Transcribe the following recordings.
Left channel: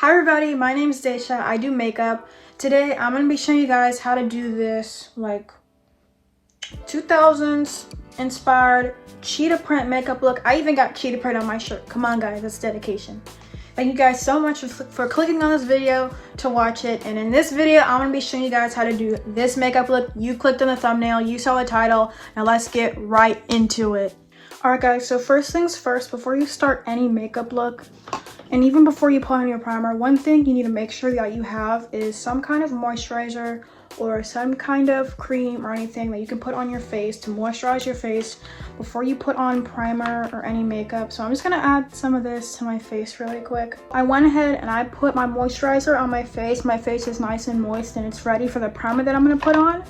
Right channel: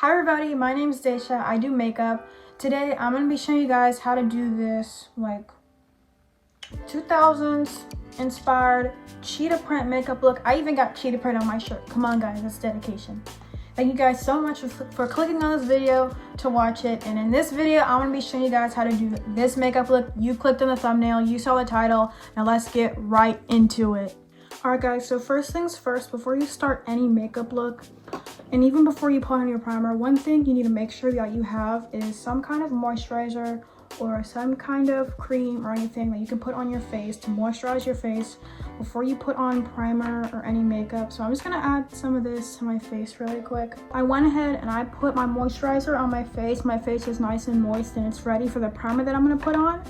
Hi everybody, my name is Daisha. I do makeup. Today I'm going to be showing you guys how to do this like 2000s inspired cheetah print makeup look. I even got cheetah print on my shirt. Come on guys, that's dedication. Thank you guys so much for clicking on this video to watch it. And in this video, I'm going to be showing you guys how to do this makeup look. You clicked on the thumbnail, you saw the title. Now let's get right into it. Alright guys, so first things first, before you start any makeup look, and even before you put on your primer, one thing you need to make sure that you have is some kind of moisturizer or some kind of cream or anything that you can put on your face to moisturize your face before you put on primer or any makeup. So I'm just gonna add some of this to my face really quick. I went ahead and I put my moisturizer on my face. My face is nice and moist and it's ready for the primer that I'm gonna put on.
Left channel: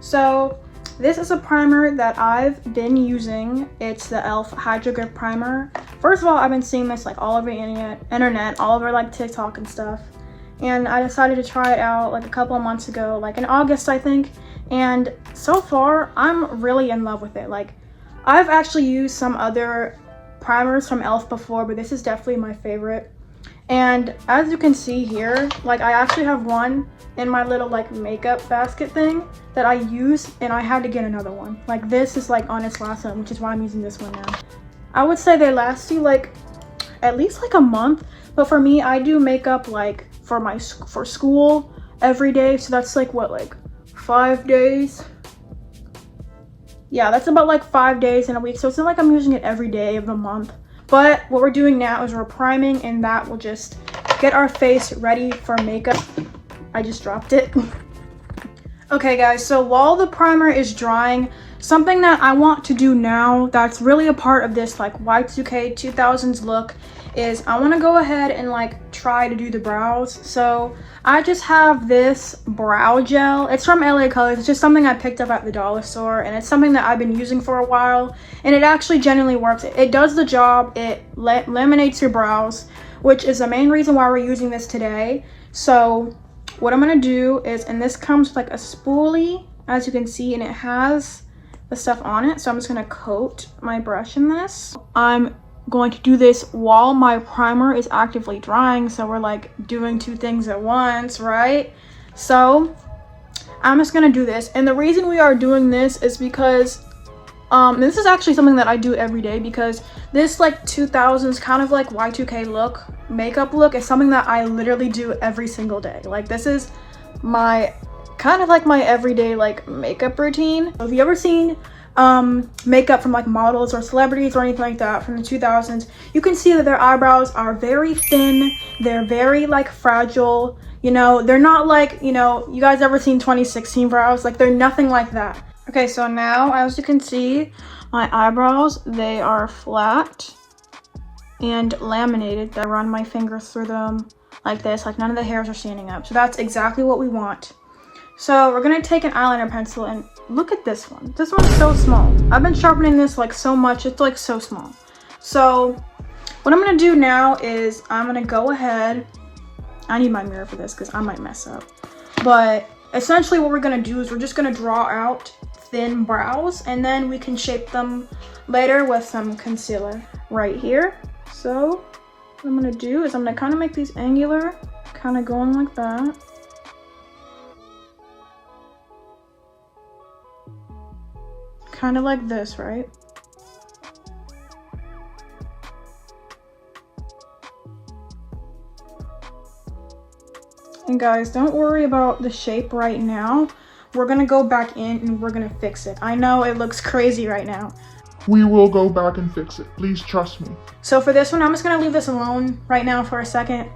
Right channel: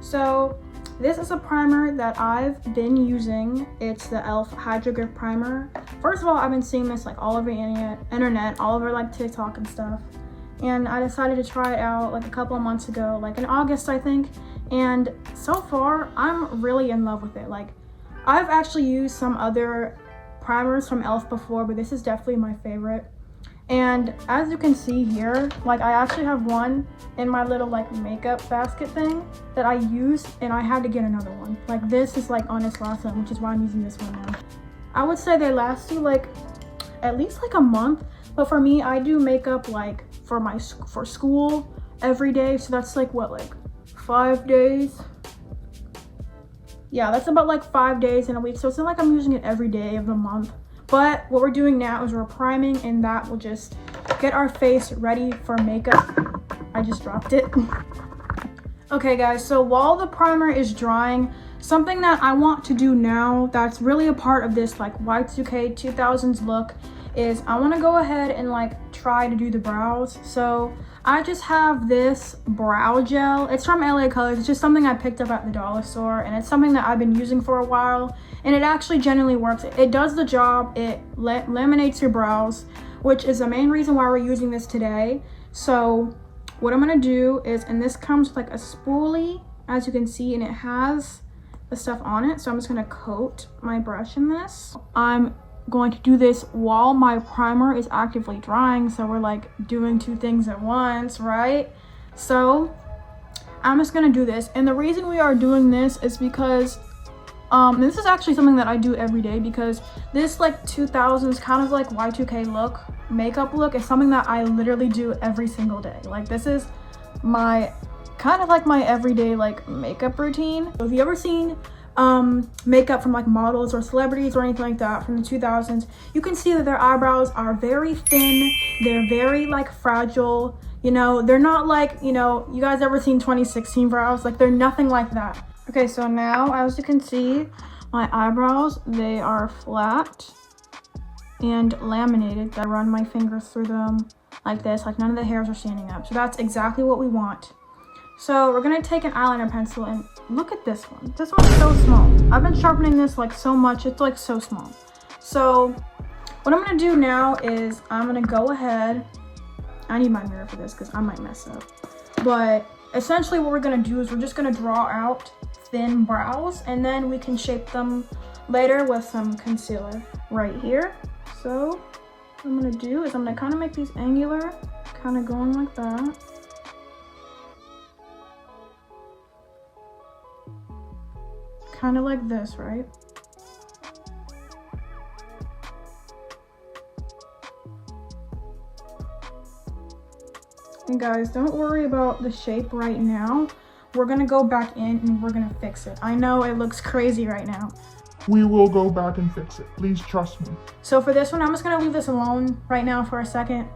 So this is a primer that I've been using. It's the e.l.f. Hydro Grip Primer. First of all, I've been seeing this like all over the internet, all over like TikTok and stuff. And I decided to try it out like a couple of months ago, like in August, I think. And so far, I'm really in love with it. Like, I've actually used some other primers from e.l.f. before, but this is definitely my favorite. And as you can see here, like I actually have one in my little like makeup basket thing that I use, and I had to get another one. Like this is like on its last one, which is why I'm using this one now. I would say they last you like at least like a month, but for me, I do makeup like for school every day, so that's like what, like 5 days? Yeah, that's about like 5 days in a week, so it's not like I'm using it every day of the month. But what we're doing now is we're priming, and that will just get our face ready for makeup. I just dropped it. Okay guys, so while the primer is drying, something that I want to do now that's really a part of this like Y2k 2000s look is I want to go ahead and like try to do the brows. So I just have this brow gel. It's from LA Colors. It's just something I picked up at the dollar store, and it's something that I've been using for a while, and it actually genuinely works. It does the job. It laminates your brows, which is the main reason why we're using this today. So what I'm gonna do is, and this comes with like a spoolie, as you can see, and it has the stuff on it. So I'm just gonna coat my brush in this. I'm going to do this while my primer is actively drying, so we're like doing two things at once, right? So I'm just gonna do this, and the reason we are doing this is because this is actually something that I do every day, because this like 2000s kind of like Y2k look, makeup look, is something that I literally do every single day. Like this is my kind of like my everyday like makeup routine. Have you ever seen makeup from like models or celebrities or anything like that from the 2000s, you can see that their eyebrows are very thin, they're very like fragile, you know, they're not like, you know, you guys ever seen 2016 brows? Like they're nothing like that. Okay, so now as you can see, my eyebrows, they are flat and laminated. I run my fingers through them like this, like none of the hairs are standing up. So that's exactly what we want. So we're gonna take an eyeliner pencil, and look at this one. This one's so small. I've been sharpening this like so much, it's like so small. So what I'm gonna do now is I'm gonna go ahead, I need my mirror for this because I might mess up. But essentially what we're gonna do is we're just gonna draw out thin brows, and then we can shape them later with some concealer right here. So what I'm gonna do is I'm gonna kind of make these angular, kind of going like that. Kind of like this, right? And guys, don't worry about the shape right now. We're gonna go back in and we're gonna fix it. I know it looks crazy right now. We will go back and fix it. Please trust me. So for this one, I'm just gonna leave this alone right now for a second.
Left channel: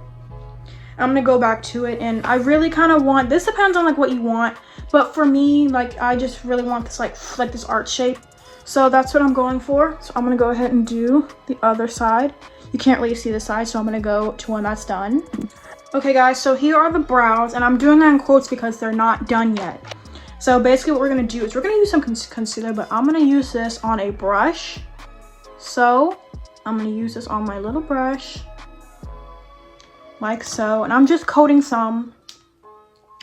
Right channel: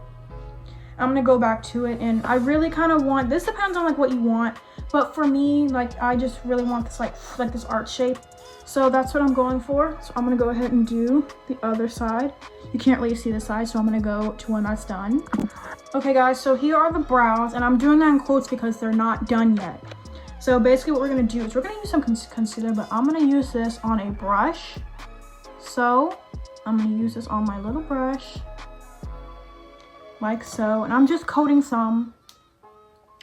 I'm gonna go back to it, and I really kind of want, this depends on like what you want, but for me, like I just really want this like this art shape. So that's what I'm going for. So I'm gonna go ahead and do the other side. You can't really see the side, so I'm gonna go to when that's done. Okay guys, so here are the brows, and I'm doing that in quotes because they're not done yet. So basically what we're gonna do is we're gonna use some concealer, but I'm gonna use this on a brush. So I'm gonna use this on my little brush, like so, and I'm just coating some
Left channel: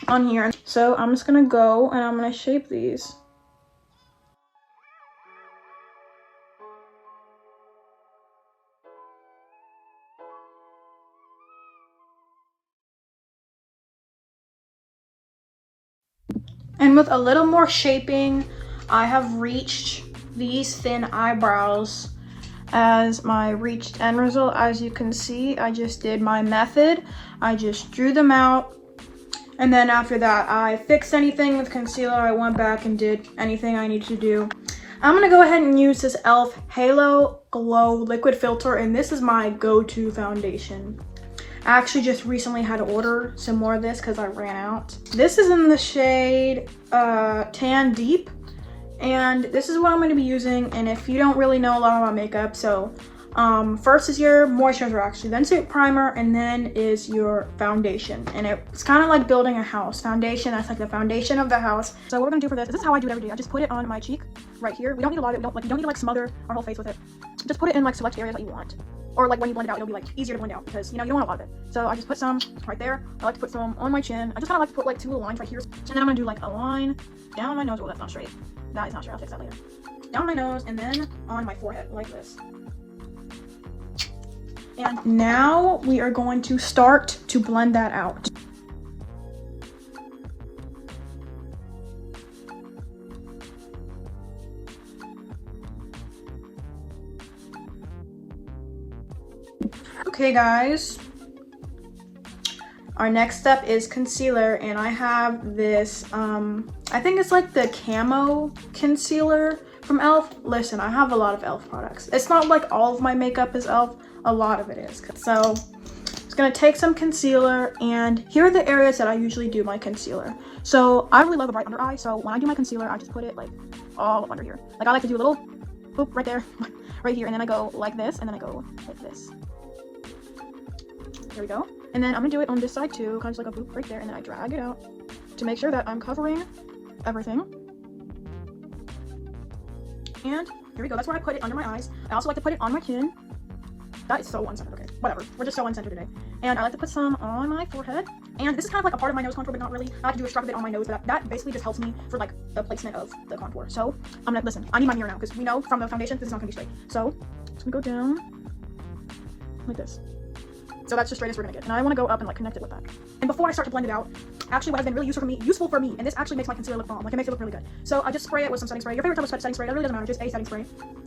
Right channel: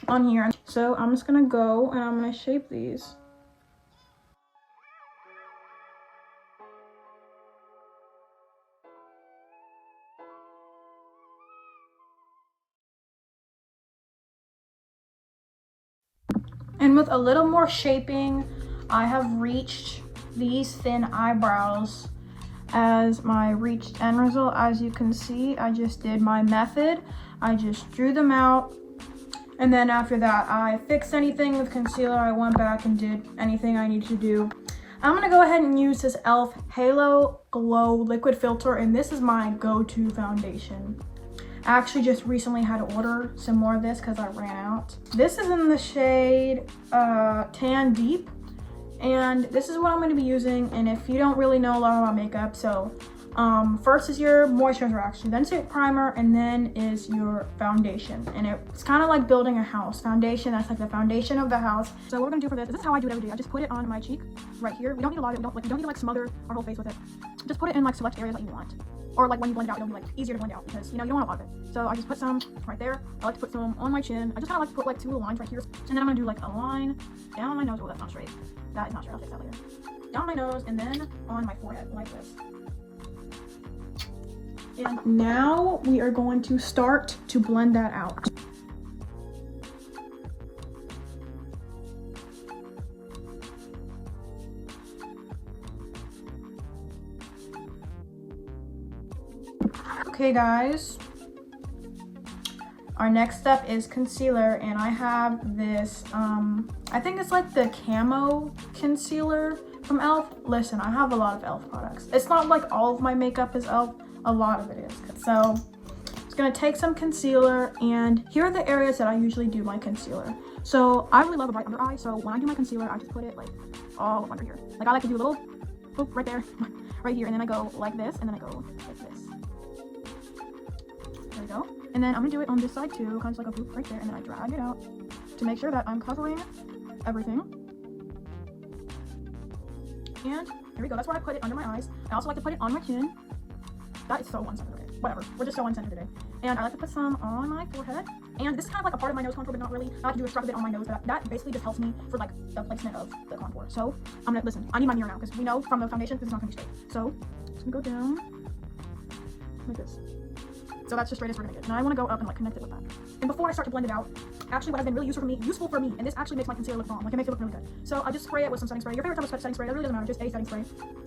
on here. So I'm just gonna go and I'm gonna shape these. And with a little more shaping, I have reached these thin eyebrows as my reached end result. As you can see, I just did my method. I just drew them out. And then after that, I fixed anything with concealer. I went back and did anything I needed to do. I'm gonna go ahead and use this e.l.f. Halo Glow Liquid Filter, and this is my go-to foundation. I actually just recently had to order some more of this because I ran out. This is in the shade Tan Deep, and this is what I'm going to be using. And if you don't really know a lot about makeup, so first is your moisturizer actually, then is your primer, and then is your foundation. And it's kind of like building a house. Foundation, that's like the foundation of the house. So what we're gonna do for this is how I do it every day. I just put it on my cheek right here. We don't need a lot of it. You don't need to like smother our whole face with it. Just put it in like select areas that you want. Or like when you blend it out, it'll be like easier to blend out because you know you don't want a lot of it. So I just put some right there. I like to put some on my chin. I just kind of like to put like 2 little lines right here. And then I'm gonna do like a line down my nose. Oh, that's not straight. That is not straight. I'll fix that later. Down my nose and then on my forehead like this. And now we are going to start to blend that out. Okay guys, our next step is concealer, and I have this I think it's like the camo concealer from e.l.f. Listen, I have a lot of e.l.f. products. It's not like all of my makeup is e.l.f. A lot of it is. So it's gonna take some concealer, and here are the areas that I usually do my concealer. So I really love a bright under eye, so when I do my concealer I just put it like all up under here. Like I like to do a little boop right there, right here, and then I go like this, and then I go like this. There we go. And then I'm gonna do it on this side too, kind of like a boop right there, and then I drag it out to make sure that I'm covering everything. And here we go. That's where I put it under my eyes. I also like to put it on my chin. That is so one-centered. Okay, whatever. We're just so one-centered today. And I like to put some on my forehead. And this is kind of like a part of my nose contour, but not really. I like to do a stroke of it on my nose, but that basically just helps me for like the placement of the contour. So I'm gonna listen. I need my mirror now because we know from the foundation this is not gonna be straight. So it's gonna go down like this. So that's the straightest we're gonna get. And I want to go up and like connect it with that. And before I start to blend it out, actually what has been really useful for me, and this actually makes my concealer look bomb. Like it makes it look really good. So I just spray it with some setting spray. Your favorite type of setting spray, that really doesn't matter. Just a setting spray.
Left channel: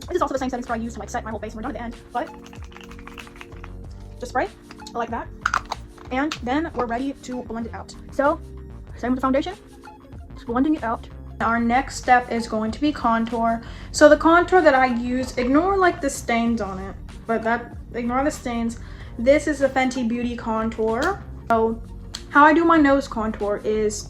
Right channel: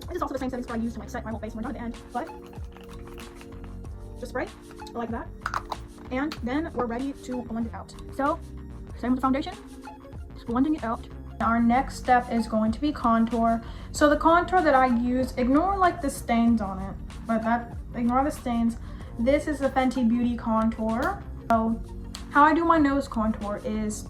This is also the same setting spray I use to like set my whole face. And we're done at the end, but just spray like that, and then we're ready to blend it out. So same with the foundation, just blending it out. Our next step is going to be contour. So the contour that I use, ignore like the stains on it, but ignore the stains. This is the Fenty Beauty contour. So how I do my nose contour is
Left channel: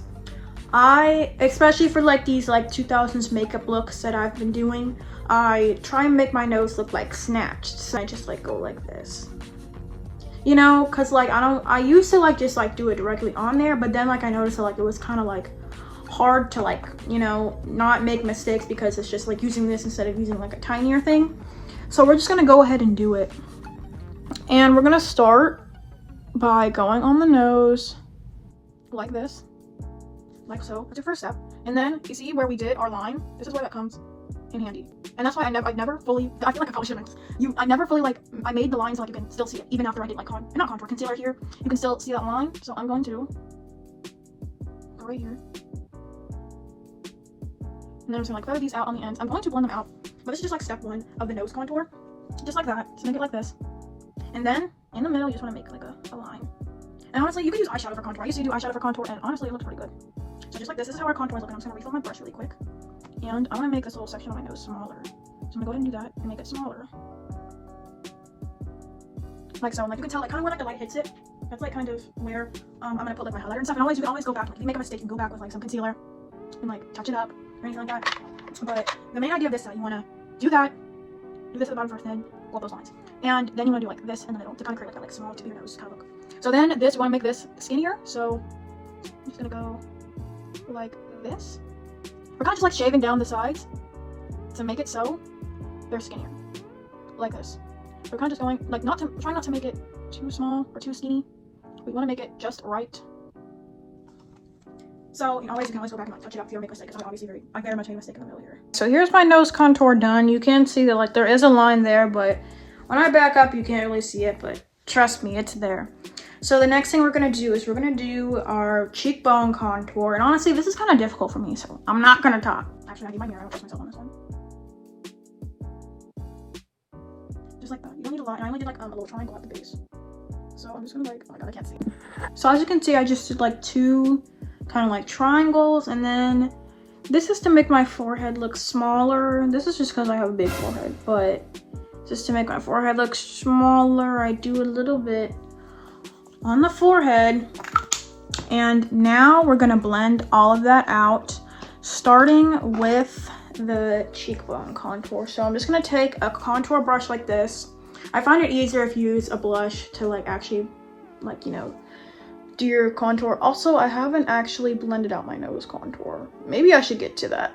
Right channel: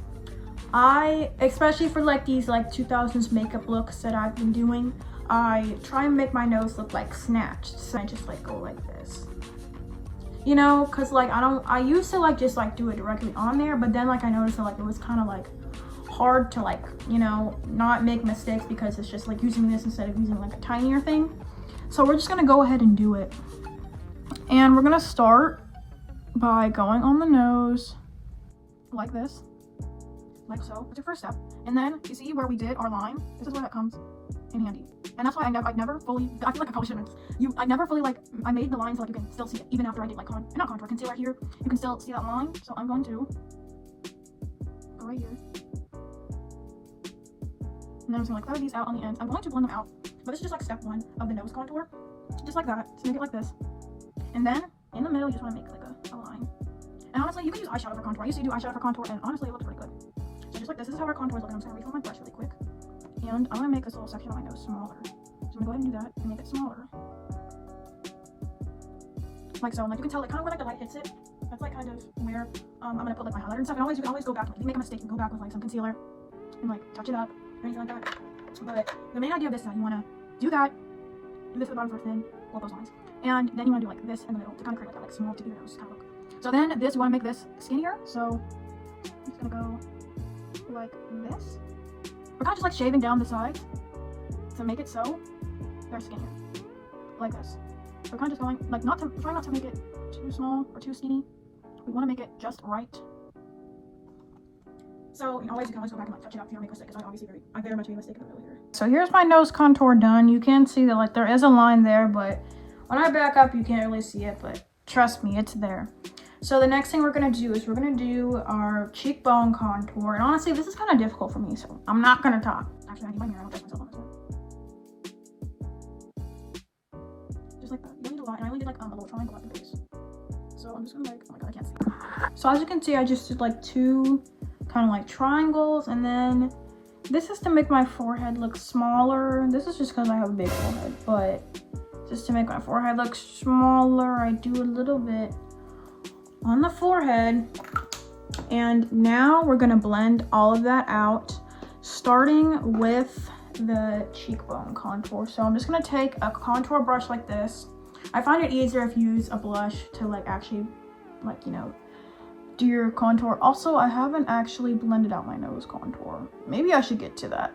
especially for like these like 2000s makeup looks that I've been doing, I try and make my nose look like snatched. So I just like go like this. You know, cause like I used to like just like do it directly on there, but then like I noticed that like it was kind of like hard to like, you know, not make mistakes because it's just like using this instead of using like a tinier thing. So we're just gonna go ahead and do it. And we're gonna start by going on the nose like this, like so. That's your first step. And then you see where we did our line? This is where that comes in handy. And that's why I never fully, I feel like I probably should have, I never fully like, I made the line so like you can still see it, even after I did like not contour, concealer here, you can still see that line. So I'm going to go right here. And then I'm just gonna like feather these out on the ends. I'm going to blend them out, but this is just like step 1 of the nose contour. Just like that, just make it like this. And then in the middle, you just wanna make like a line. And honestly, you could use eyeshadow for contour. I used to do eyeshadow for contour, and honestly, it looks pretty good. So just like this is how our contours look. I'm just gonna refill my brush really quick. And I want to make this little section of my nose smaller. So I'm gonna go ahead and do that and make it smaller. Like so, and like you can tell like kind of where like the light hits it. That's like kind of where I'm gonna put like my highlighter and stuff. And you can always go back. If you make a mistake, you can go back with like some concealer and like touch it up or anything like that. But the main idea of this is that you wanna do that, do this at the bottom first, then go up those lines. And then you wanna do like this in the middle to kind of create like a small tip of your nose kind of look. So then this, you wanna make this skinnier. So I'm just gonna go like this. We're kind of just like shaving down the sides to make it so they're skinnier, like this. We're kind of just going like trying not to make it too small or too skinny. We want to make it just right. So you can always go back and like touch it up if you make a mistake, because I very much made a mistake in the middle here. So here's my nose contour done. You can see that like there is a line there, but when I back up you can't really see it, but trust me, it's there. So the next thing we're gonna do is we're gonna do our cheekbone contour. And honestly, this is kind of difficult for me, so I'm not gonna talk. Actually, I need my mirror. I don't trust myself on this one. Just like that. You don't need a lot. I only did like a little triangle at the base. So I'm just gonna like, oh my god, I can't see. So as you can see, I just did like 2 kind of like triangles, and then this is to make my forehead look smaller. This is just because I have a big forehead, but just to make my forehead look smaller, I do a little bit on the forehead. And now we're gonna blend all of that out, starting with the cheekbone contour. So I'm just gonna take a contour brush like this. I find it easier if you use a blush to like actually like, you know, do your contour. Also, I haven't actually blended out my nose contour. Maybe I should get to that.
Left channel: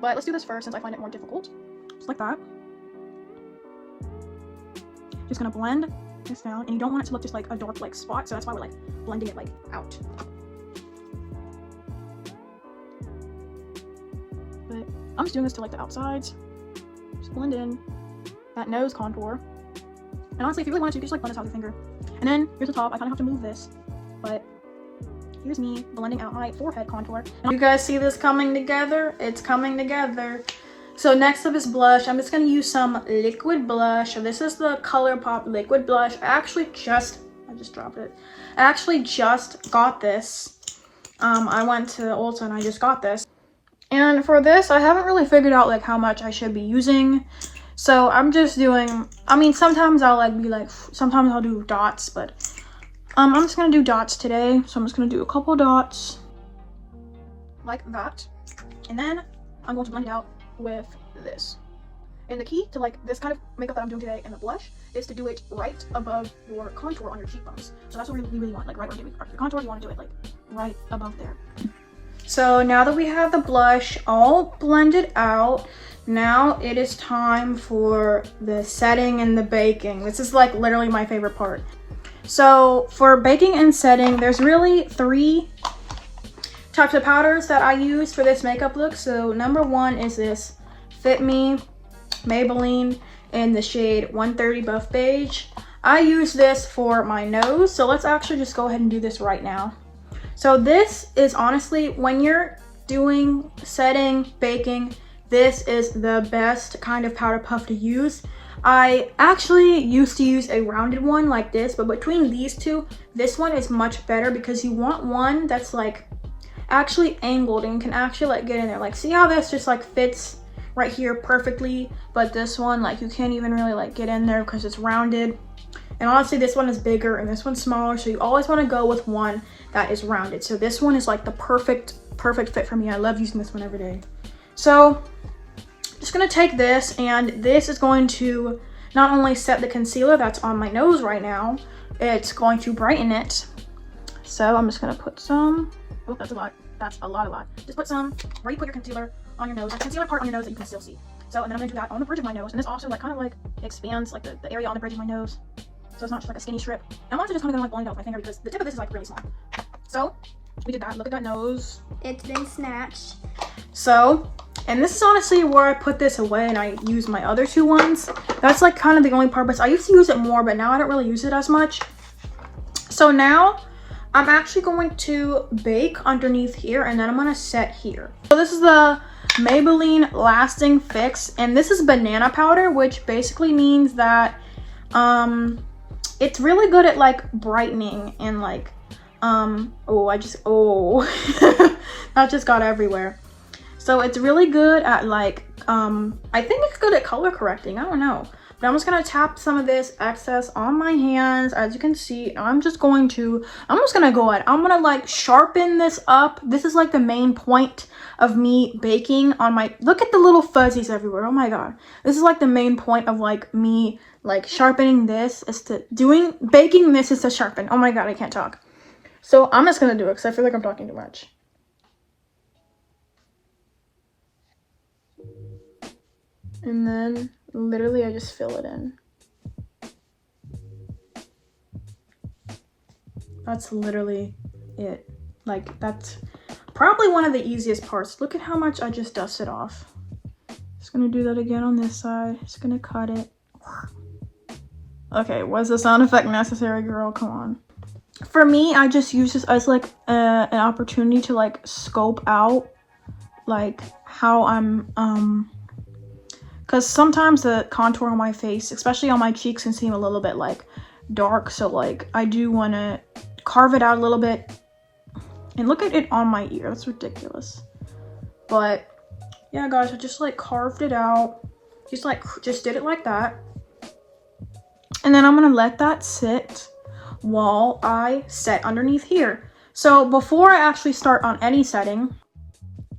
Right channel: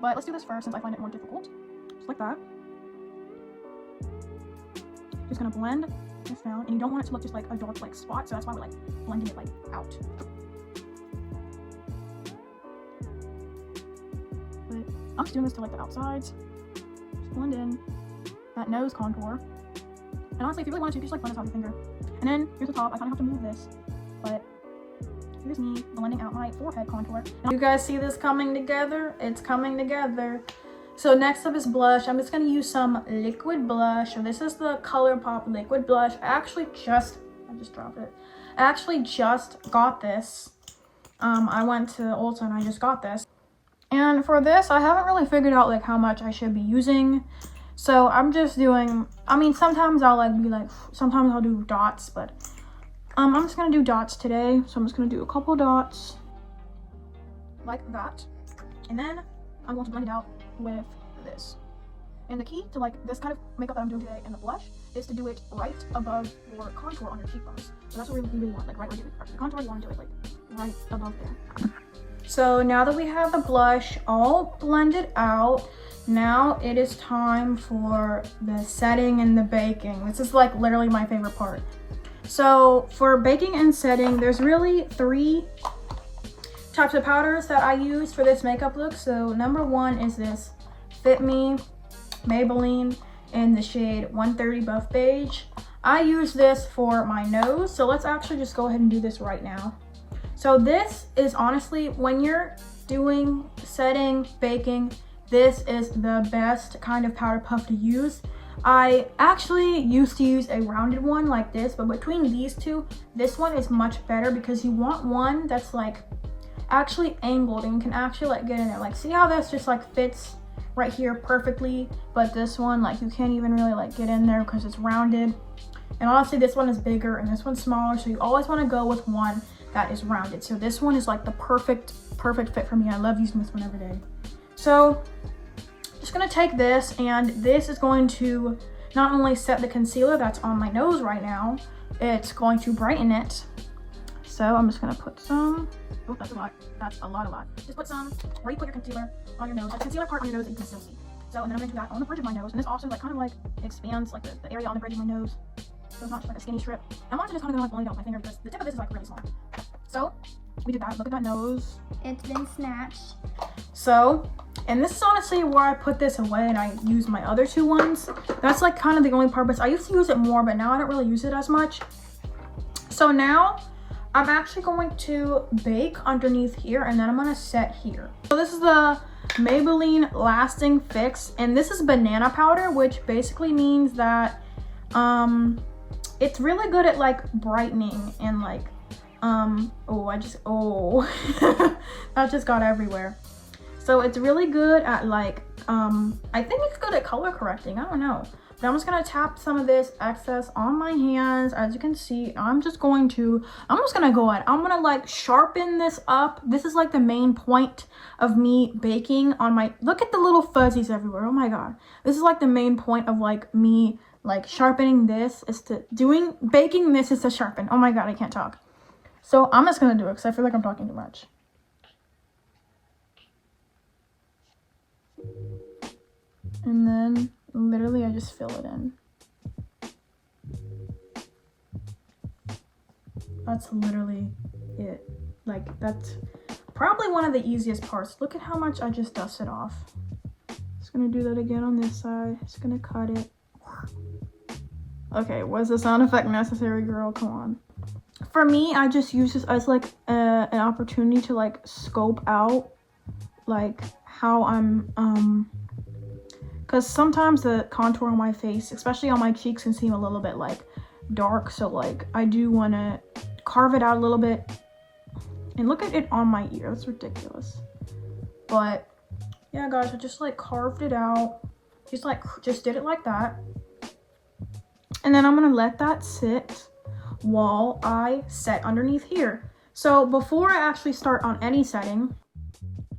But let's do this first since I find it more difficult. Just like that. Just gonna blend this down, and you don't want it to look just like a dark like spot, so that's why we're like blending it like out. But I'm just doing this to like the outsides. Just blend in that nose contour. And honestly, if you really want to, you can just like blend this out with your finger. And then here's the top. I kind of have to move this, but here's me blending out my forehead contour. You guys see this coming together? It's coming together. So next up is blush. I'm just gonna use some liquid blush. So this is the ColourPop liquid blush. I just dropped it. I actually just got this. I went to Ulta and I just got this. And for this, I haven't really figured out like how much I should be using. So I'm just doing, I mean, sometimes I'll like be like, sometimes I'll do dots, but I'm just gonna do dots today. So I'm just gonna do a couple dots like that. And then I'm going to blend it out with this. And the key to like this kind of makeup that I'm doing today and the blush is to do it right above your contour on your cheekbones. So that's what we really want, like right where you do the contour, you want to do it like right above there. So now that we have the blush all blended out, now it is time for the setting and the baking. This is like literally my favorite part. So for baking and setting, there's really 3 types of powders that I use for this makeup look. So number 1 is this Fit Me Maybelline in the shade 130 Buff Beige. I use this for my nose. So let's actually just go ahead and do this right now. So this is honestly, when you're doing setting, baking, this is the best kind of powder puff to use. I actually used to use a rounded one like this, but between these two, this one is much better because you want one that's like actually angled and can actually like get in there. Like see how this just like fits right here perfectly, but this one like you can't even really like get in there because it's rounded. And honestly, this one is bigger and this one's smaller, so you always want to go with one that is rounded. So this one is like the perfect fit for me. I love using this one every day. So just gonna take this, and this is going to not only set the concealer that's on my nose right now, it's going to brighten it. So I'm just gonna put some, oh, that's a lot. That's a lot. Just put some where you put your concealer on your nose, the concealer part on your nose that you can still see. So, and then I'm gonna do that on the bridge of my nose, and this also like kind of like expands like the area on the bridge of my nose. So it's not just like a skinny strip. I'm also just kind of gonna like blend out with my finger because the tip of this is like really small. So we did that. Look at that nose. It's been snatched. So, and this is honestly where I put this away and I use my other 2 ones. That's like kind of the only part, but I used to use it more, but now I don't really use it as much. So now I'm actually going to bake underneath here, and then I'm gonna set here. So this is the Maybelline Lasting Fix, and this is banana powder, which basically means that it's really good at like brightening and like that just got everywhere. So it's really good at like I think it's good at color correcting. I don't know, but I'm just gonna tap some of this excess on my hands. As you can see, I'm just gonna go ahead, I'm gonna like sharpen this up. This is like the main point of me baking on my, look at the little fuzzies everywhere. Oh my god, this is like the main point of like me like sharpening this is to baking this is to sharpen. Oh my god, I can't talk. So I'm just gonna do it because I feel like I'm talking too much. And then literally I just fill it in. That's literally it. Like that's probably one of the easiest parts. Look at how much I just dusted off. Just gonna do that again on this side. Just gonna cut it. Okay, was the sound effect necessary, girl? Come on. For me, I just use this as like an opportunity to like scope out like how I'm because sometimes the contour on my face, especially on my cheeks, can seem a little bit like dark, so like I do want to carve it out a little bit. And look at it on my ear, that's ridiculous. But yeah guys, I just like carved it out, just did it like that. And then I'm gonna let that sit while I set underneath here. So before I actually start on any setting,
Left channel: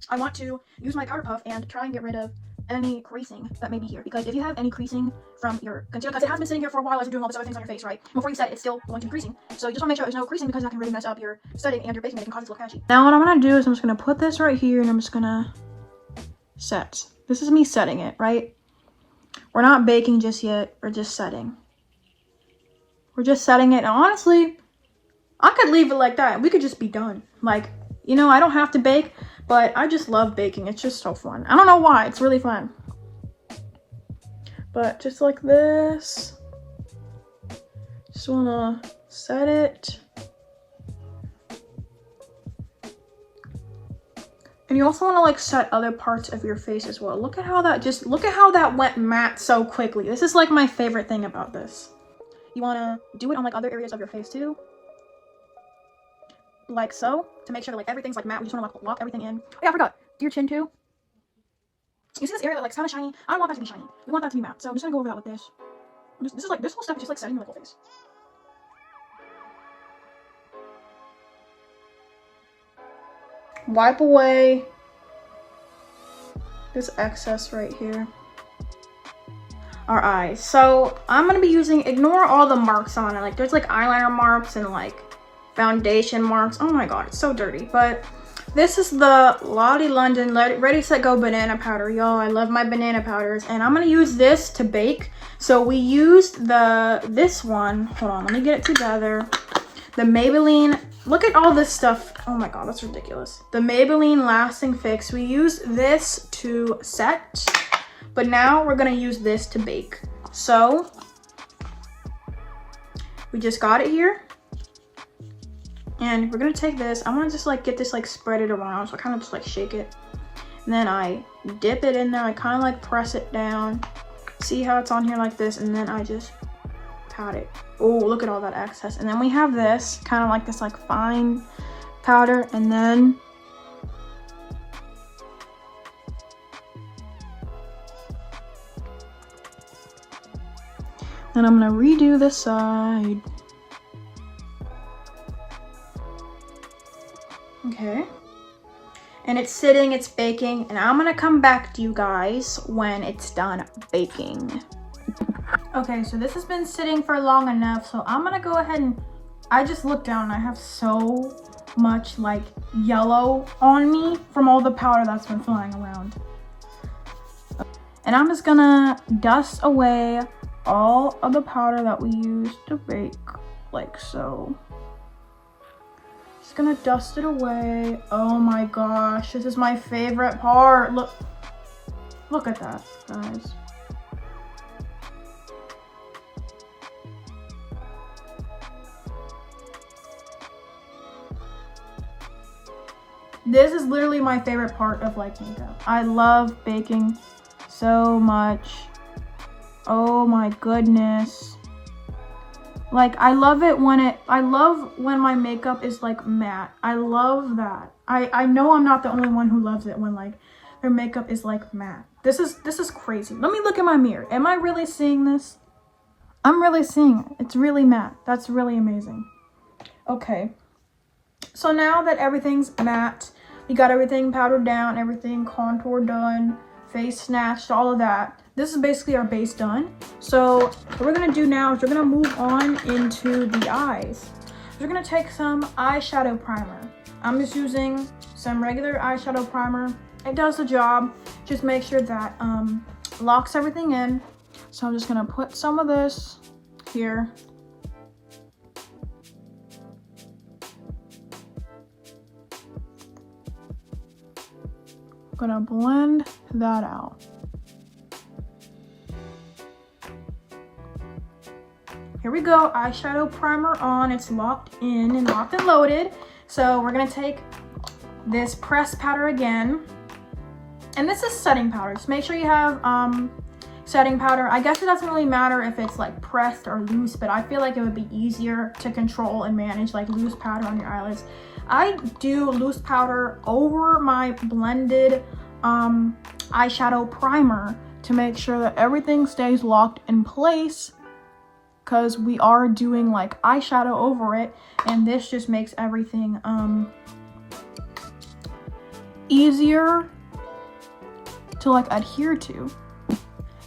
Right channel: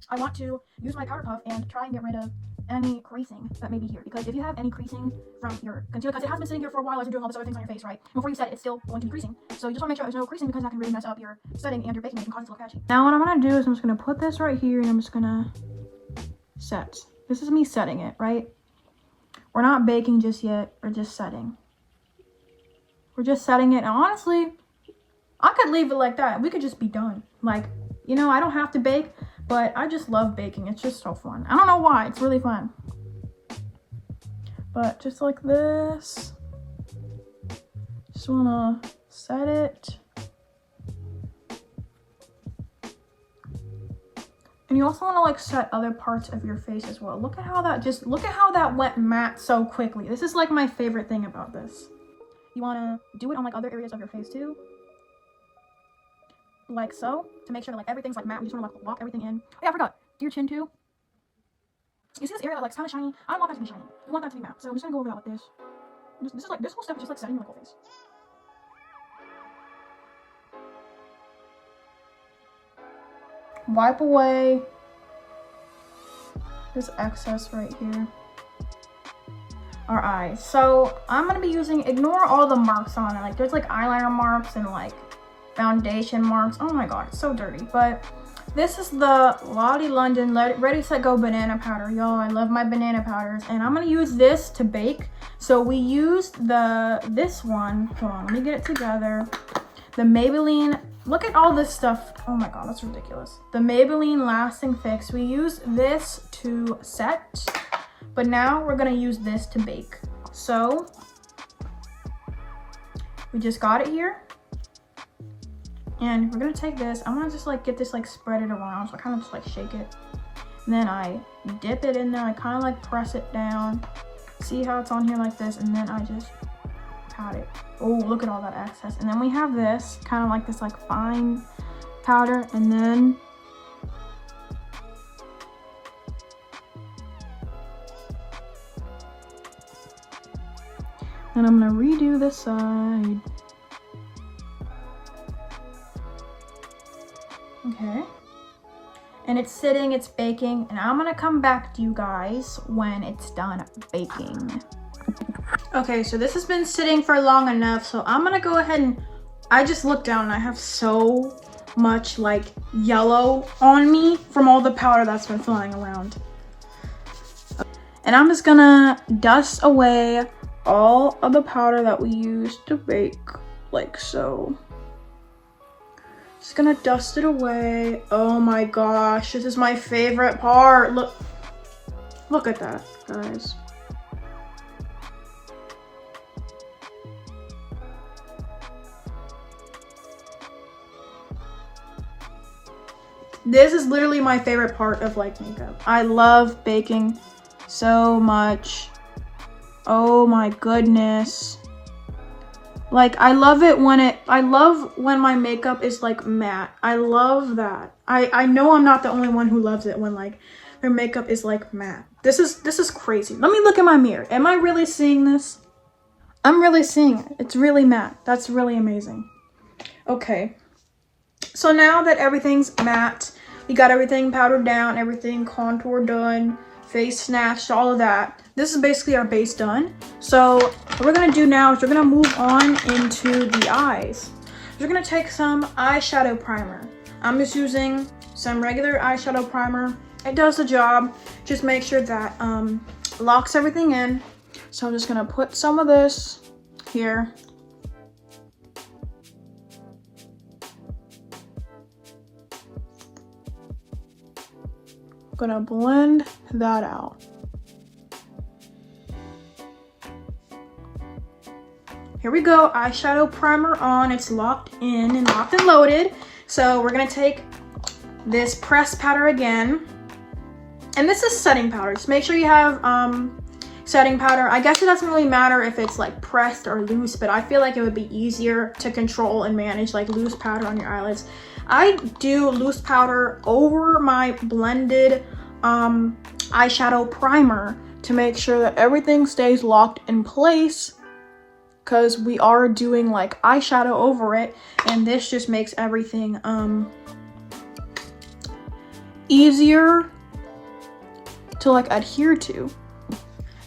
I want to use my powder puff and try and get rid of any creasing that may be here, because if you have any creasing from your concealer, because it has been sitting here for a while as you're doing all these other things on your face, right? Before you set it, it's still going to be creasing. So you just want to make sure there's no creasing, because that can really mess up your setting and your baking, and it can cause it to look patchy. Now what I'm gonna do is I'm just gonna put this right here and I'm just gonna set. This is me setting it, right? We're not baking just yet, we're just setting. We're just setting it, and honestly, I could leave it like that and we could just be done. Like, you know, I don't have to bake, but I just love baking. It's just so fun. I don't know why, it's really fun. But just like this. Just wanna set it. And you also wanna like set other parts of your face as well. Look at how that went matte so quickly. This is like my favorite thing about this. You wanna do it on like other areas of your face too. Like so, to make sure that like everything's like matte. We just wanna like lock everything in. Oh yeah, I forgot. Do your chin too. You see this area that like's kind of shiny? I don't want that to be shiny. We want that to be matte. So I'm just gonna go over that with this. This whole step is just like setting your whole face. Wipe away this excess right here. Our eyes. So I'm gonna be using, ignore all the marks on it. Like there's like eyeliner marks and like foundation marks. Oh my god, it's so dirty. But this is the Lottie London Ready Set Go banana powder. Yo, I love my banana powders, and I'm gonna use this to bake. So we used this one. Hold on, let me get it together. The Maybelline. Look at all this stuff. Oh my god, that's ridiculous. The Maybelline Lasting Fix. We used this to set, but now we're gonna use this to bake. So we just got it here. And we're gonna take this. I wanna just like get this like spread it around. So I kind of just like shake it. And then I dip it in there. I kind of like press it down. See how it's on here like this. And then I just pat it. Oh, look at all that excess. And then we have this kind of like this like fine powder. And then I'm gonna redo this side. Okay, and it's sitting, it's baking, and I'm gonna come back to you guys when it's done baking. Okay, so this has been sitting for long enough, so I'm gonna go ahead and, I just looked down and I have so much like yellow on me from all the powder that's been flying around. And I'm just gonna dust away all of the powder that we used to bake, like so. Just gonna dust it away. Oh my gosh, this is my favorite part. Look at that, guys. This is literally my favorite part of like makeup. I love baking so much. Oh my goodness. Like, I love it when I love when my makeup is like matte. I love that. I know I'm not the only one who loves it when like their makeup is like matte. This is crazy. Let me look in my mirror. Am I really seeing this? I'm really seeing it. It's really matte. That's really amazing. Okay. So now that everything's matte, we got everything powdered down, everything contour done, face snatched, all of that. This is basically our base done. So what we're gonna do now is we're gonna move on into the eyes. We're gonna take some eyeshadow primer. I'm just using some regular eyeshadow primer. It does the job. Just make sure that locks everything in. So I'm just gonna put some of this here. I'm gonna blend that out. here we go, eyeshadow primer on. It's locked in and locked and loaded. So we're gonna take this pressed powder again. And this is setting powder. Just make sure you have setting powder. I guess it doesn't really matter if it's like pressed or loose, but I feel like it would be easier to control and manage like loose powder on your eyelids. I do loose powder over my blended eyeshadow primer to make sure that everything stays locked in place, because we are doing like eyeshadow over it, and this just makes everything easier to like adhere to.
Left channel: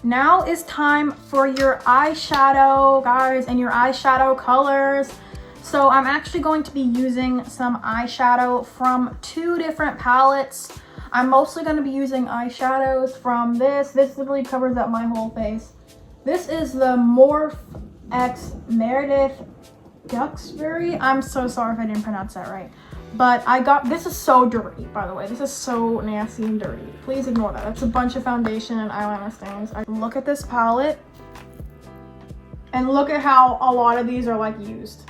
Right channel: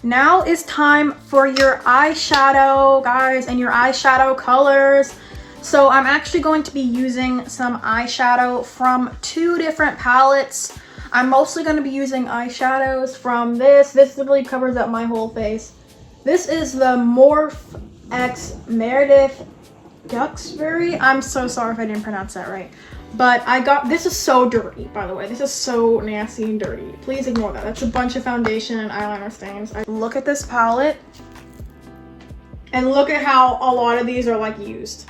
Now it's time for your eyeshadow, guys, and your eyeshadow colors. So I'm actually going to be using some eyeshadow from 2 different palettes. I'm mostly going to be using eyeshadows from this. This really covers up my whole face. This is the Morph X Meredith Duxbury. I'm so sorry if I didn't pronounce that right. But I got, this is so dirty, by the way. This is so nasty and dirty. Please ignore that. That's a bunch of foundation and eyeliner stains. Look at this palette. And look at how a lot of these are like used.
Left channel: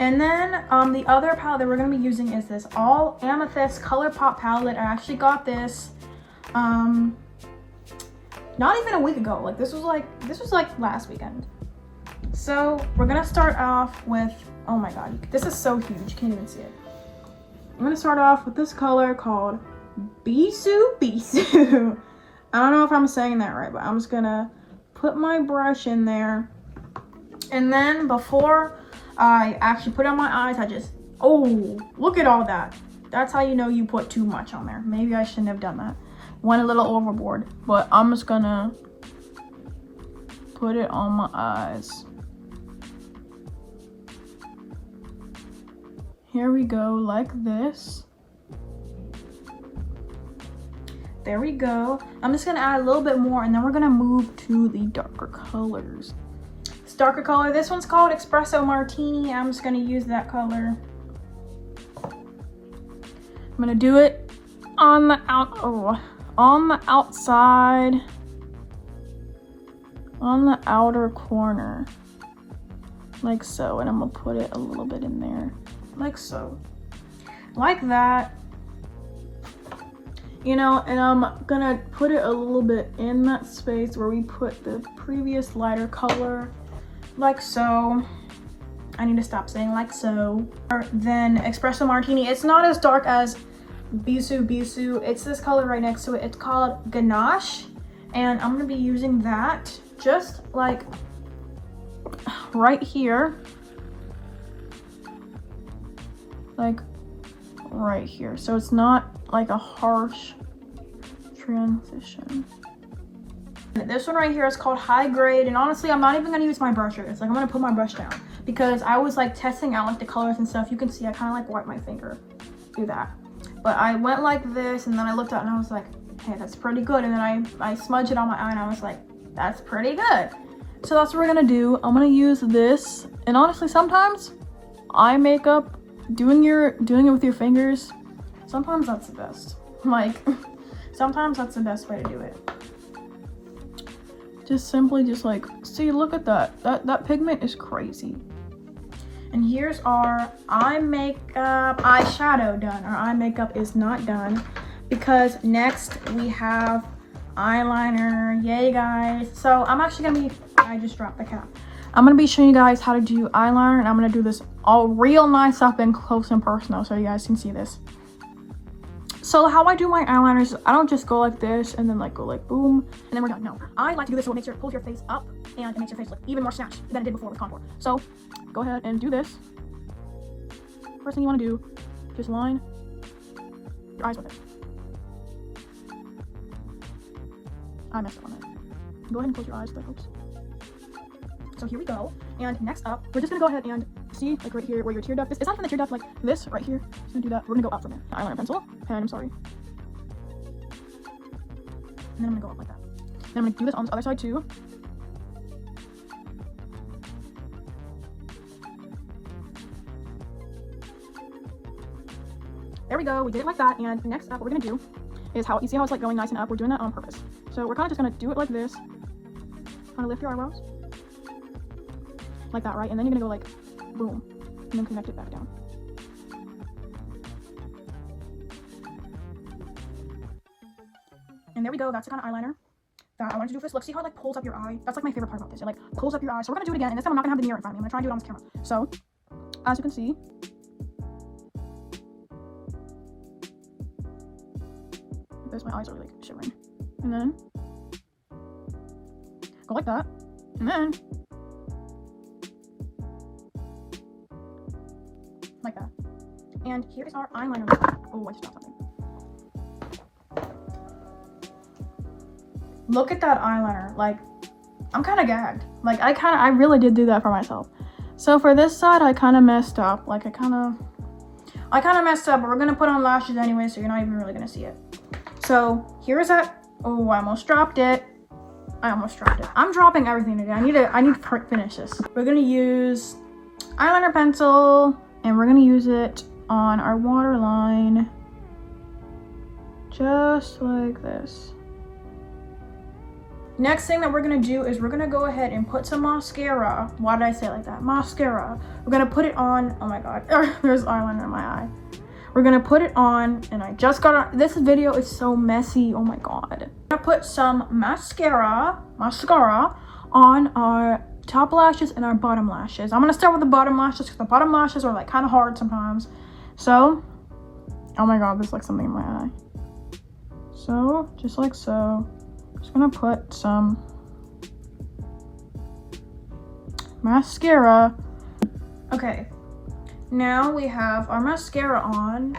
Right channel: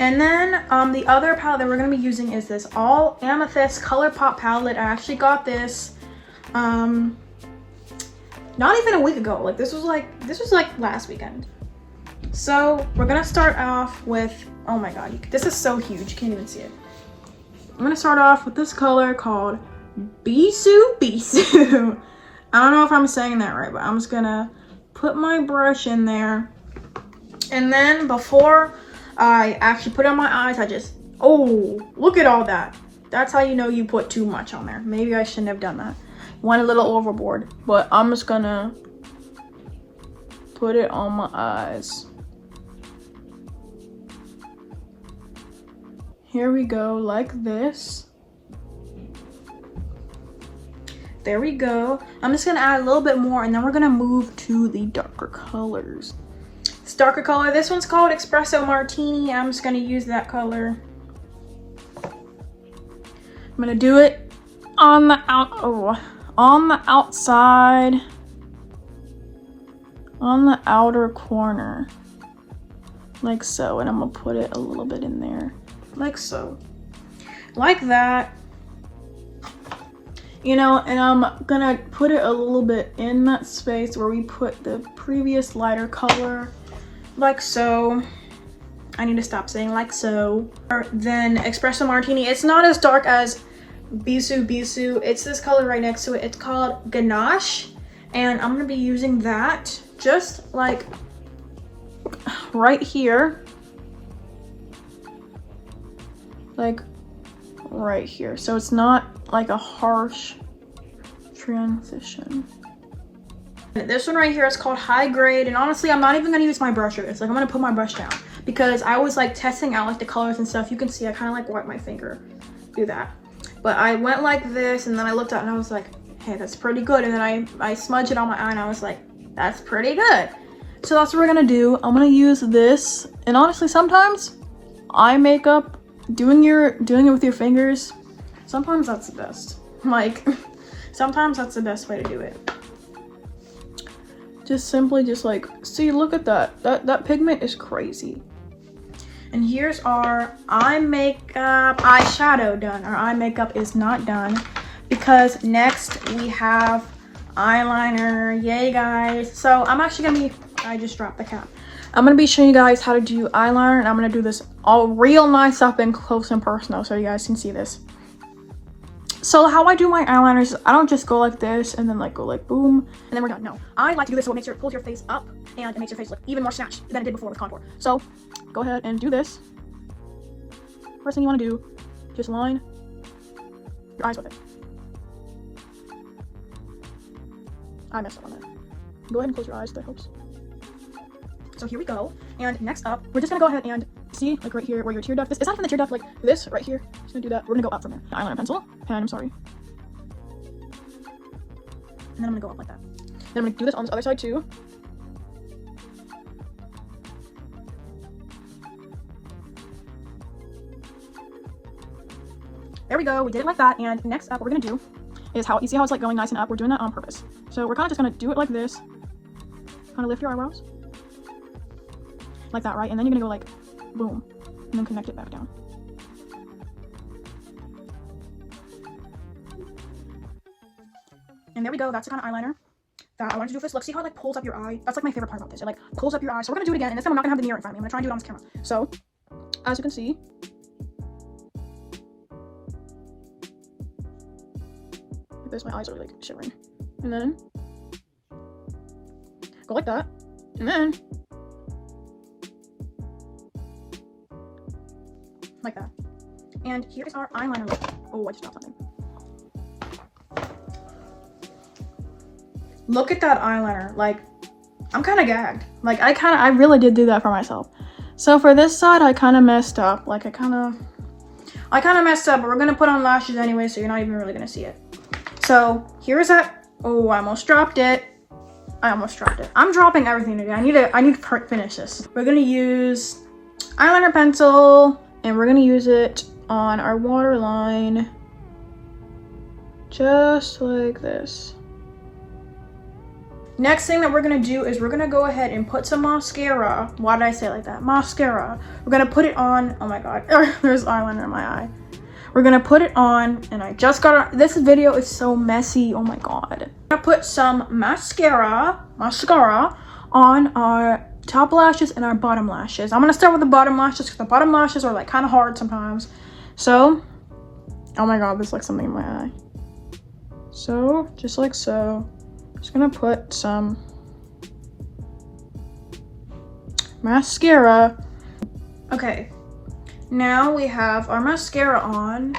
And then the other palette that we're gonna be using is this All Amethyst ColourPop palette. I actually got this not even a week ago. Like this was like last weekend. So we're gonna start off with, oh my god, this is so huge, you can't even see it. I'm gonna start off with this color called Bisou Bisou. I don't know if I'm saying that right, but I'm just gonna put my brush in there. And then before I actually put on my eyes, I just, oh, look at all that. That's how you know you put too much on there. Maybe I shouldn't have done that. Went a little overboard, but I'm just gonna put it on my eyes. Here we go, like this. There we go. I'm just gonna add a little bit more, and then we're gonna move to the darker colors. This darker color, this one's called Espresso Martini. I'm just gonna use that color. I'm gonna do it on the outside, on the outer corner, like so. And I'm gonna put it a little bit in there, like so, like that. You know, and I'm gonna put it a little bit in that space where we put the previous lighter color, like so. I need to stop saying like so. Then Espresso Martini, it's not as dark as Bisou Bisou. It's this color right next to it. It's called Ganache, and I'm gonna be using that just like right here, like right here, so it's not like a harsh transition. This one right here is called High Grade, and honestly I'm not even gonna use my brush here. It's like I'm gonna put my brush down because I was like testing out like the colors and stuff. You can see I kind of like wipe my finger, do that. But I went like this, and then I looked at it and I was like, hey, that's pretty good. And then I smudged it on my eye and I was like, that's pretty good. So that's what we're gonna do. I'm gonna use this, and honestly sometimes eye makeup, doing it with your fingers, sometimes that's the best. Like sometimes that's the best way to do it. Just simply just like, see, look at that. That pigment is crazy. And here's our eye makeup, eyeshadow done. Our eye makeup is not done because next we have eyeliner. Yay, guys. So I'm actually gonna be, I just dropped the cap. I'm gonna be showing you guys how to do eyeliner, and I'm gonna do this all real nice up and close and personal so you guys can see this. So how I do my eyeliners, I don't just go like this and then like go like boom and then we're done. No, I like to do this so it pulls your face up and it makes your face look even more snatched than it did before with contour. So go ahead and do this. First thing you want to do, just line your eyes with it. I messed up on that. Go ahead and close your eyes, that helps. So here we go. And next up, we're just gonna go ahead and see, like right here where your tear duct is. It's not even the tear duct, like this right here. Just gonna do that. We're gonna go up from there. The eyeliner pencil, pen, I'm sorry. And then I'm gonna go up like that. Then I'm gonna do this on this other side too. There we go, we did it like that. And next up, what we're gonna do is how, you see how it's like going nice and up? We're doing that on purpose. So we're kind of just gonna do it like this. Kind of lift your eyebrows. like that, right? And then you're gonna go like, boom, and then connect it back down. And there we go. That's the kind of eyeliner that I wanted to do for this look. See how it like pulls up your eye? That's like my favorite part about this. It like pulls up your eye. So we're gonna do it again, and this time I'm not gonna have the mirror in front of me. I'm gonna try and do it on this camera. So, as you can see, like this, my eyes are like shivering. And then go like that, and then like that. And here is our eyeliner look. Oh, I just dropped something. Look at that eyeliner. Like, I'm kind of gagged. Like, I really did do that for myself. So for this side, I kind of messed up. Like, I kind of messed up, but we're gonna put on lashes anyway, so you're not even really gonna see it. So here's that. Oh, I almost dropped it. I'm dropping everything today. I need to finish this. We're gonna use eyeliner pencil, and we're gonna use it on our waterline, just like this. Next thing that we're gonna do is we're gonna go ahead and put some mascara. Why did I say it like that? Mascara. We're gonna put it on. Oh my god, there's eyeliner in my eye. We're gonna put it on, and I just got it. This video is so messy. Oh my god. I'm gonna put some mascara on our top lashes and our bottom lashes. I'm gonna start with the bottom lashes because the bottom lashes are like kind of hard sometimes. So, oh my god, there's like something in my eye. So, just like so. Just gonna put some mascara. Okay, now we have our mascara on,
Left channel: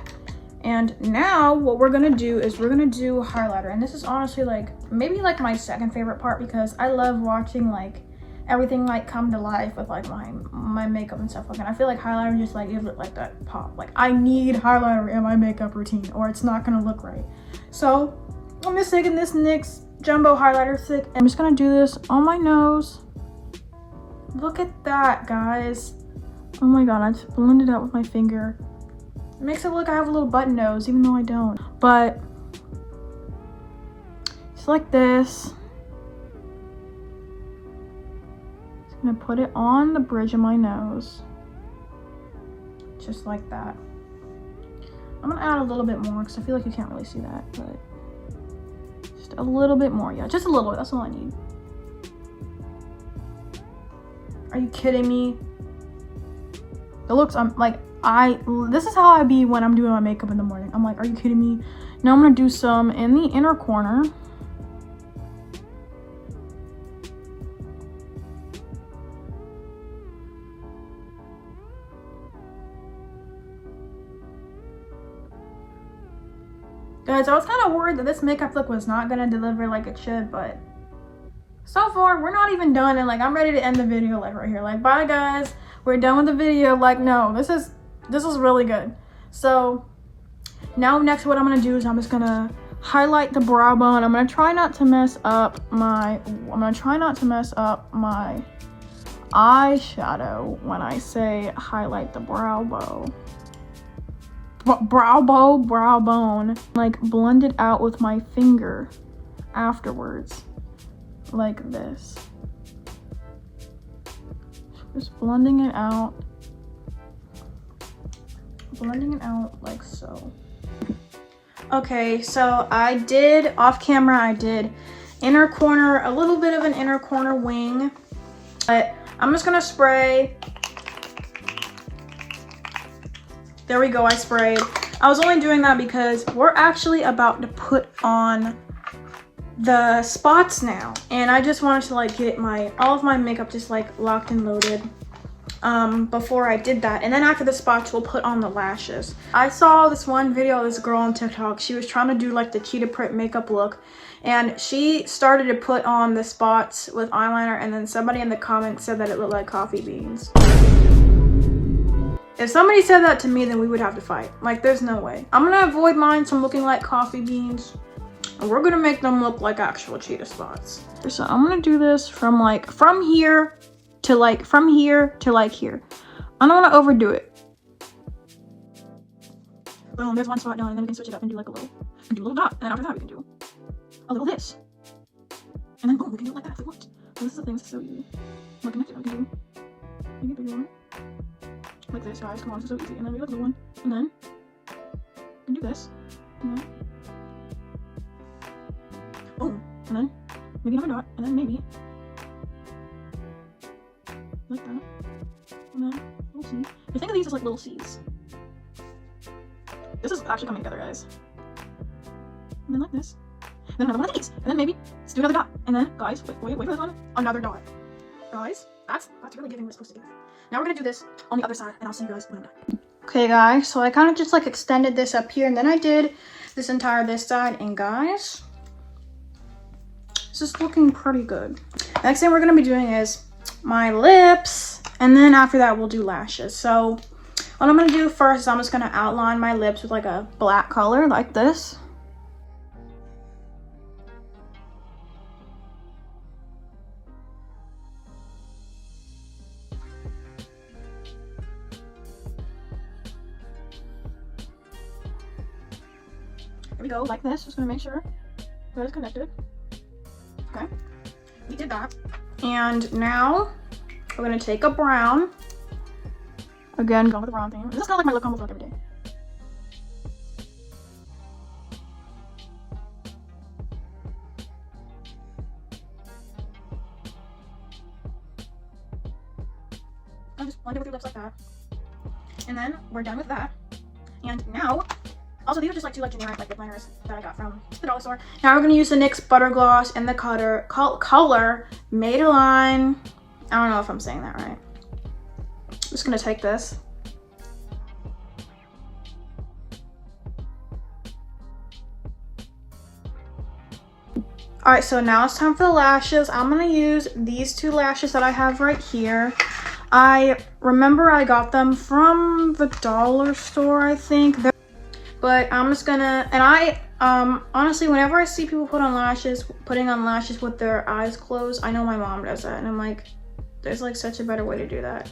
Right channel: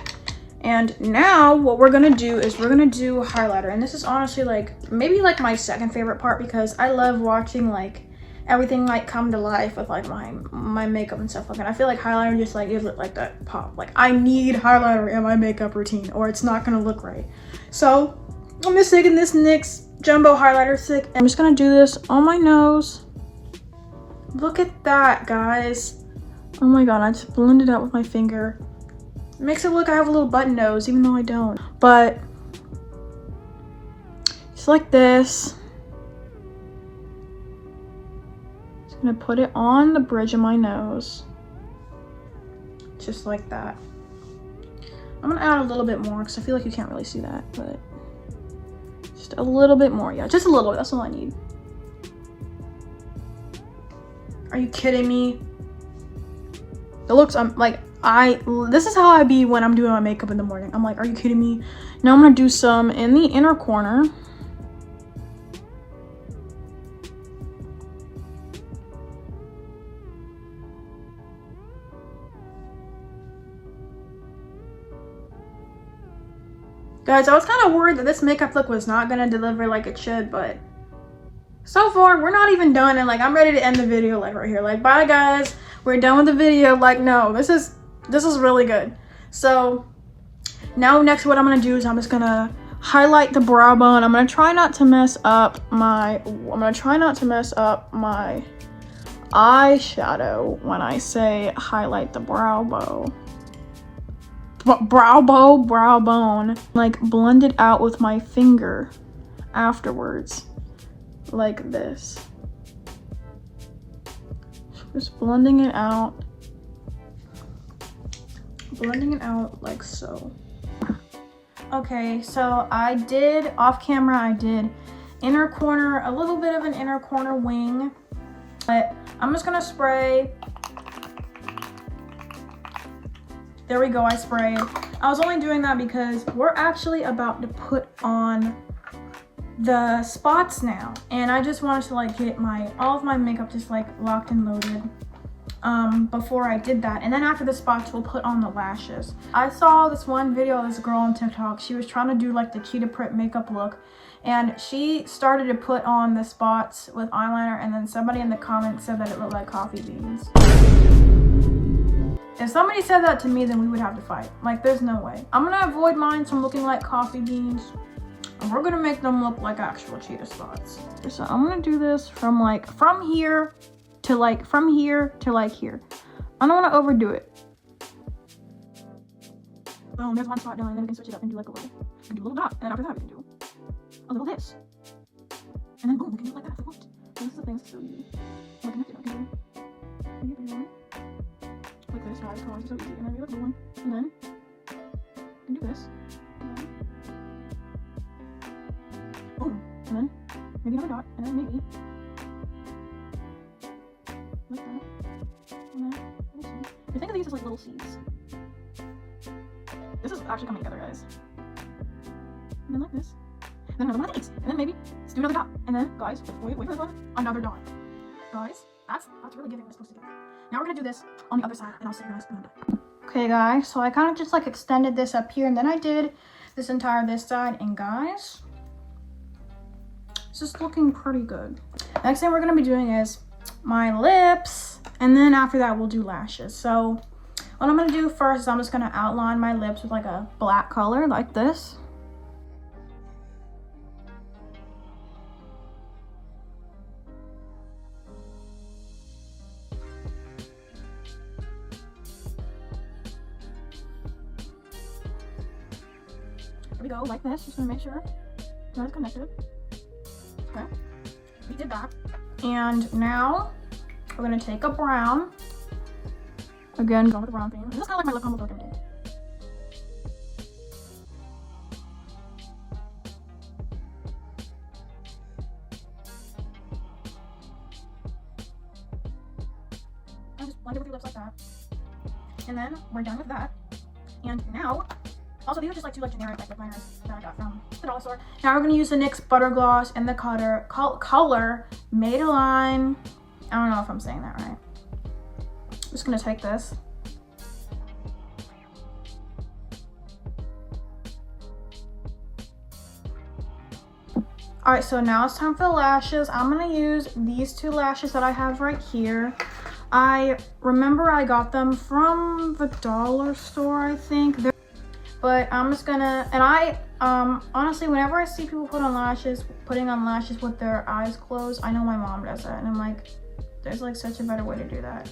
and now what we're gonna do is we're gonna do highlighter. And this is honestly like maybe like my second favorite part, because I love watching like everything like come to life with like my makeup and stuff like that. I feel like highlighter just like gives it like that pop. Like, I need highlighter in my makeup routine or it's not gonna look right. So I'm just taking this NYX jumbo highlighter stick, and I'm just gonna do this on my nose. Look at that, guys. Oh my god, I just blended out with my finger. It makes it look I have a little button nose, even though I don't. But just like this. Just gonna put it on the bridge of my nose. Just like that. I'm gonna add a little bit more because I feel like you can't really see that, but just a little bit more. Yeah, just a little bit. That's all I need. Are you kidding me? It looks, this is how I be when I'm doing my makeup in the morning. I'm like, are you kidding me? Now I'm gonna do some in the inner corner. Guys, I was kind of worried that this makeup look was not gonna deliver like it should, but so far we're not even done, and like I'm ready to end the video like right here. Like, bye guys, we're done with the video. Like, no, this is really good. So now next what I'm gonna do is I'm just gonna highlight the brow bone. I'm gonna try not to mess up my eyeshadow when I say highlight the brow bone. Brow bone, like blend it out with my finger afterwards, like this. Just blending it out like so. Okay, so I did off camera, I did inner corner, a little bit of an inner corner wing, but I'm just gonna spray. There we go, I sprayed. I was only doing that because we're actually about to put on the spots now. And I just wanted to like get all of my makeup just like locked and loaded before I did that. And then after the spots, we'll put on the lashes. I saw this one video of this girl on TikTok. She was trying to do like the cheetah print makeup look. And she started to put on the spots with eyeliner, and then somebody in the comments said that it looked like coffee beans. If somebody said that to me, then we would have to fight. Like, there's no way. I'm gonna avoid mine from looking like coffee beans, and we're gonna make them look like actual cheetah spots. So I'm gonna do this from here to like here. I don't wanna overdo it. Boom, there's one spot done, and then we can switch it up and do like a little dot, and after that we can do a little this. And then boom, we can do it like that if we want. So this is the thing, this is so easy. We're connected, we can do take a bigger one. Like this, guys. Come on, it's so easy. And then we go to the one. And then we do this. And then boom. And then maybe another dot. And then maybe like that. And then we'll see. I think of these as like little seeds. This is actually coming together, guys. And then like this. And then another one of these. And then maybe let's do another dot. And then, guys, wait for this one. Another dot. Guys, that's really giving what it's supposed to do. Now we're gonna do this on the other side, and I'll see you guys when I'm done. Okay, guys, so I kind of just like extended this up here, and then I did this entire this side, and guys, this is looking pretty good. Next thing we're gonna be doing is my lips, and then after that we'll do lashes. So what I'm gonna do first is I'm just gonna outline my lips with like a black color like this. We go like this, just gonna make sure it's connected. Okay, we did that. And now we're gonna take a brown. Again, going with the brown thing. This is kind of like my lip almost like every day. I just blend it with your lips like that. And then we're done with that. And now, also, these are just like two like generic like lip liners that I got from the dollar store. Now we're gonna use the NYX Butter Gloss and the color Madeline. I don't know if I'm saying that right. I'm just gonna take this. All right, so now it's time for the lashes. I'm gonna use these two lashes that I have right here. I remember I got them from the dollar store, I think. But I'm just gonna, and I honestly, whenever I see people putting on lashes with their eyes closed, I know my mom does that, and I'm like, there's like such a better way to do that.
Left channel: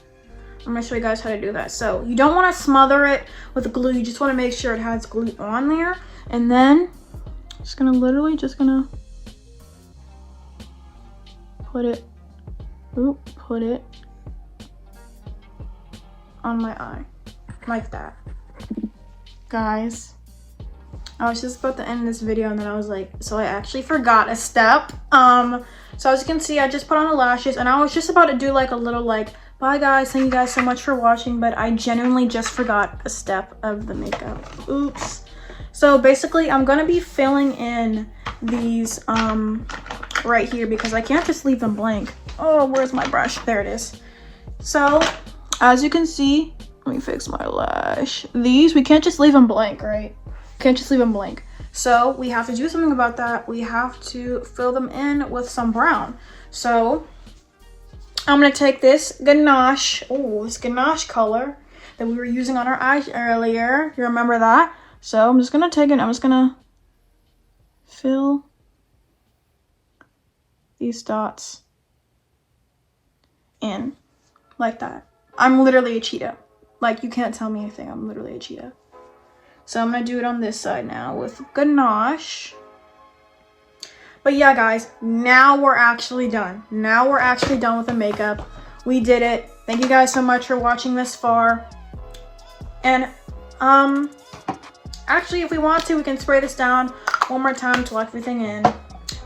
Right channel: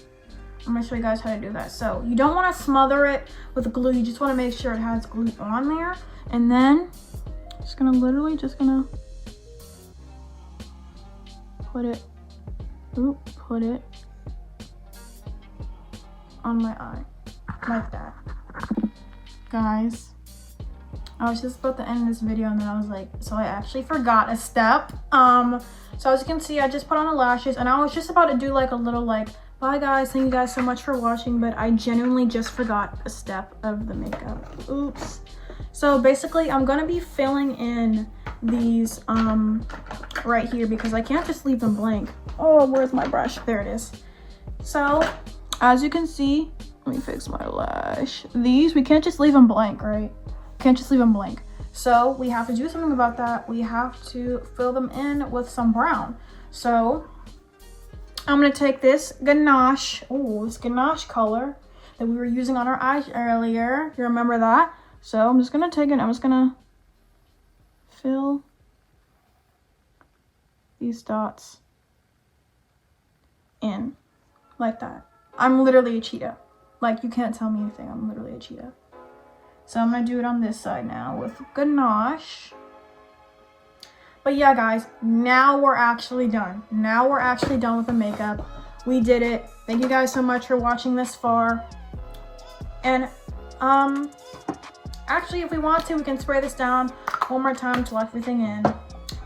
I'm gonna show you guys how to do that. So you don't want to smother it with glue, you just want to make sure it has glue on there. And then just gonna literally put it on my eye like that. Guys, I was just about to end this video and then I was like, so I actually forgot a step. So as you can see, I just put on the lashes and I was just about to do like a little like, bye guys, thank you guys so much for watching, but I genuinely just forgot a step of the makeup. Oops. So basically I'm gonna be filling in these right here because I can't just leave them blank. Oh, where's my brush? There it is. So as you can see, let me fix my lash. These, we can't just leave them blank, right? Can't just leave them blank. So we have to do something about that. We have to fill them in with some brown. So I'm gonna take this ganache, this ganache color that we were using on our eyes earlier. You remember that? So I'm just gonna take it, I'm just gonna fill these dots in like that. I'm literally a cheetah. Like, you can't tell me anything. I'm literally a cheetah. So I'm gonna do it on this side now with ganache. But yeah, guys, now we're actually done. Now we're actually done with the makeup. We did it. Thank you guys so much for watching this far. And actually, if we want to, we can spray this down one more time to let everything in.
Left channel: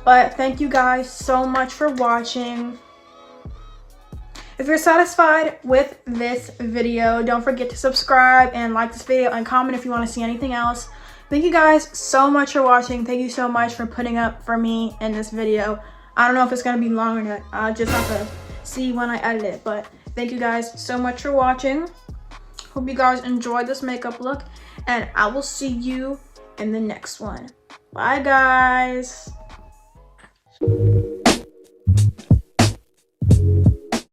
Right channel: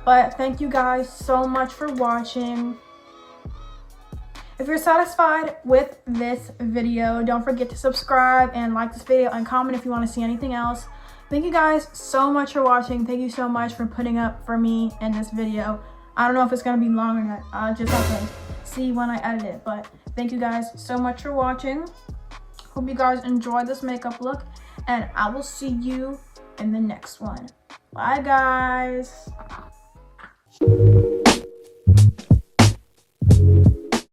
But thank you guys so much for watching. If you're satisfied with this video, don't forget to subscribe and like this video and comment if you want to see anything else. Thank you guys so much for watching. Thank you so much for putting up for me in this video. I don't know if it's going to be long or not. I'll just have to see when I edit it. But thank you guys so much for watching. Hope you guys enjoyed this makeup look. And I will see you in the next one. Bye, guys.